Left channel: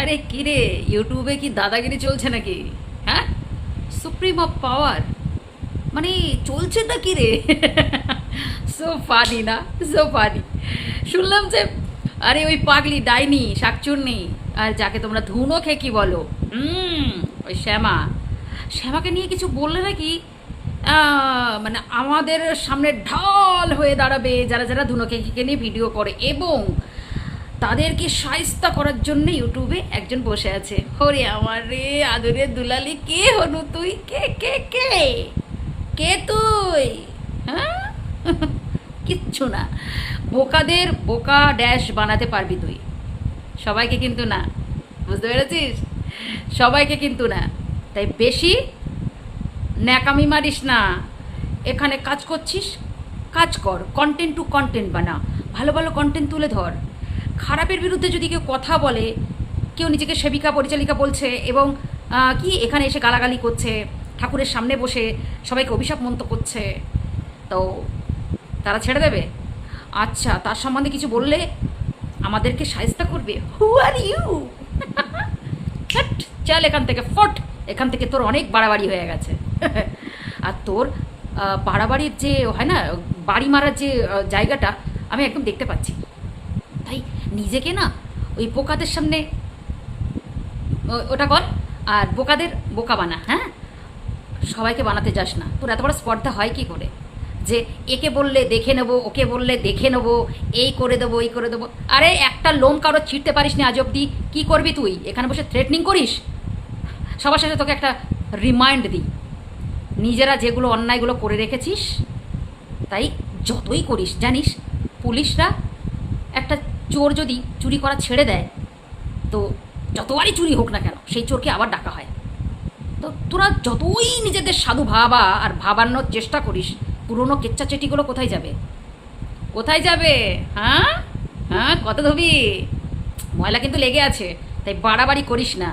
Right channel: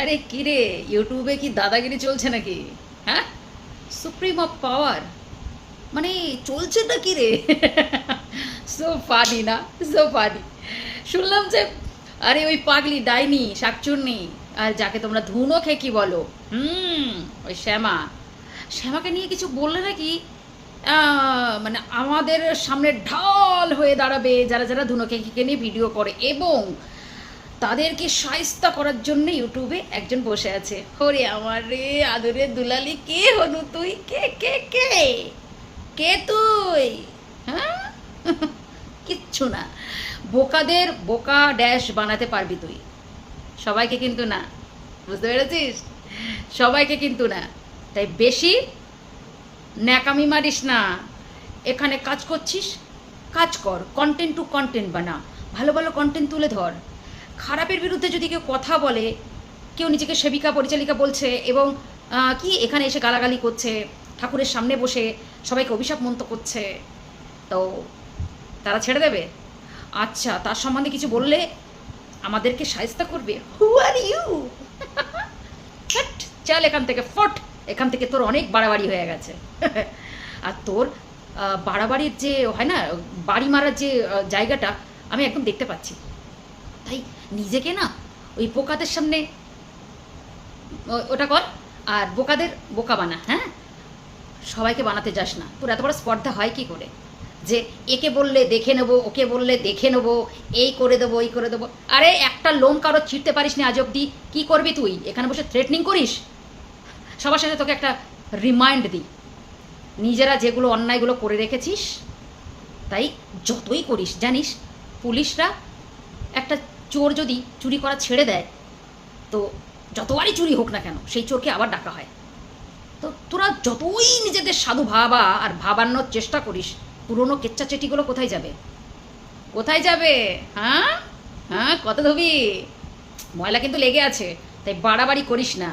আরে কিরে, ইউটিউবে কি দাদাগিরি চলছে নাকি? হ্যাঁ, সুপ্রিম অফ পাওয়ার মানে চলছেটা কি রে? সো ফানি না, সো ফানি। শুনলাম যে আরে ওই পাগলি ডাইনি শাকচুন্নি আর যাকে তোমরা ধুনো খেকি বলো, ওই শ্যামাকে নিয়ে কিছু বললে নাকি মানে আমাদের সামনে ঢাল হয়ে দাঁড়াবে যারা যারা ধুনো খেকিকে নিয়ে ভিডিও করে, এবং তাদেরকে শায়েস্তা করার জন্য ইউটিউবে একজন বসে আছে। ওরে আমার রে আদরের দুলালি, কে হনু তুই? কে কে কে কে তুই? হ্যাঁ, কিচ্ছু না। বোকাদের বোকা ড্যাশ বানাতে পারবি তুই, সবাইকে কিন্তু না। বুঝতে পেরেছিস? সবাইকে কিন্তু না। তাই বেশি ন্যাকামি মারিস না। এখানে কাজ করছিস, কাজ কর, কন্টেন্ট টু কন্টেন্ট বানা, ভালো ভালো কন্টেন্ট তুলে ধর। খারাপের বিরুদ্ধে যদি কেউ কথা বলে, কেউ নিজেকে সেবিকা পরিচালিকা বলছে এবং কি এখানে এসে গালাগালি করছে, ঠাকুরের সামনে বসে সবাইকে অভিশাপ মন্ত করছে, তো তারা ছেড়ে দেবে? আচ্ছা, তার সম্বন্ধে কিছু বললে আমাদেরকে শায়েস্তা করবে? হু আর ইউ? চল এখান থেকে, ফট এখান থেকে, তোর অনেক বাড়াবাড়ি হয়ে গেছে। আর তোর বাড়াবাড়ির যে হয় না, বাড়ি মারার যে জায়গাটা আমি একদম দেখতে পাচ্ছি। তাই নিজেকে না ওই বোকাদের সামনে ওটা কর, আর বোকাদের বোকা বানা। হ্যাঁ, সবাইকে বানাতে যাস না। তোর এত বড় স্পর্ধা হয় কি করে যে একে বললে দেখে নেবো, ওকে বললে দেখে নেবো, এই করে দেবো, এই করে দেবো? আরে একটা লোম কারো ছিঁড়তে পারিস না আজ অব্দি, কী করবি তুই? এখানে বসে থ্রেটনিং করিস? সবার সাথে তোকে একটা রিমাইন্ড দিই, নিজেরা যেগুলো অন্যায়গুলো করে রেখেছিস, তাই যতই করিস জানিস পুলিশরা একটা চোর যদি চুরি করা ছেড়ে দেয়, তো যতবারই চুরি হোক না কেন সেই চোরকে আবার ডাকা হয়। তো তোরা যতই নিজেদের সাধু ভাবা আর ভাবানোর চেষ্টা করিস, পুরনো কেচ্চা চেটিগুলো কোথায় যাবে? কোথায় যাবে? হ্যাঁ হ্যাঁ, কত ধবি? ময়লা কিন্তু লেগে আছে, তাই বাড়াবাড়ি করিস না।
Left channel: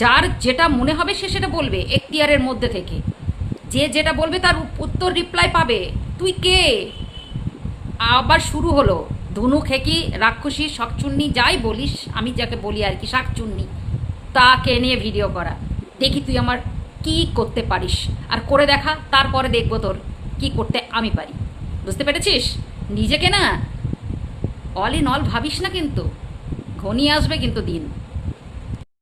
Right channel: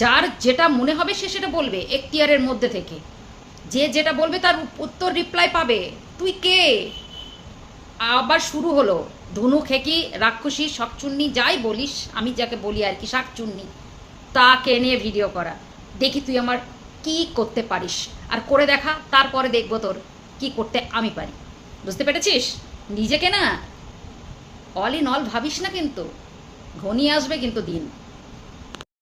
যার যেটা মনে হবে সে সেটা বলবে এখতিয়ারের মধ্যে থেকে। যে যেটা বলবে তার উত্তর রিপ্লাই পাবে। তুই কে? আবার শুরু হলো ধনু খেকি, রাক্ষসী, শাকচুন্নি, যাই বলিস, আমি যাকে বলি আর কি, শাকচুন্নি, তাকে নিয়ে ভিডিও করা। দেখি তুই আমার কি করতে পারিস, আর করে দেখা, তারপরে দেখবো তোর কি করতে আমি পারি। বুঝতে পেরেছিস? নিজেকে না অল ইন অল ভাবিস না, কিন্তু ঘনিয়ে আসবে কিন্তু দিন।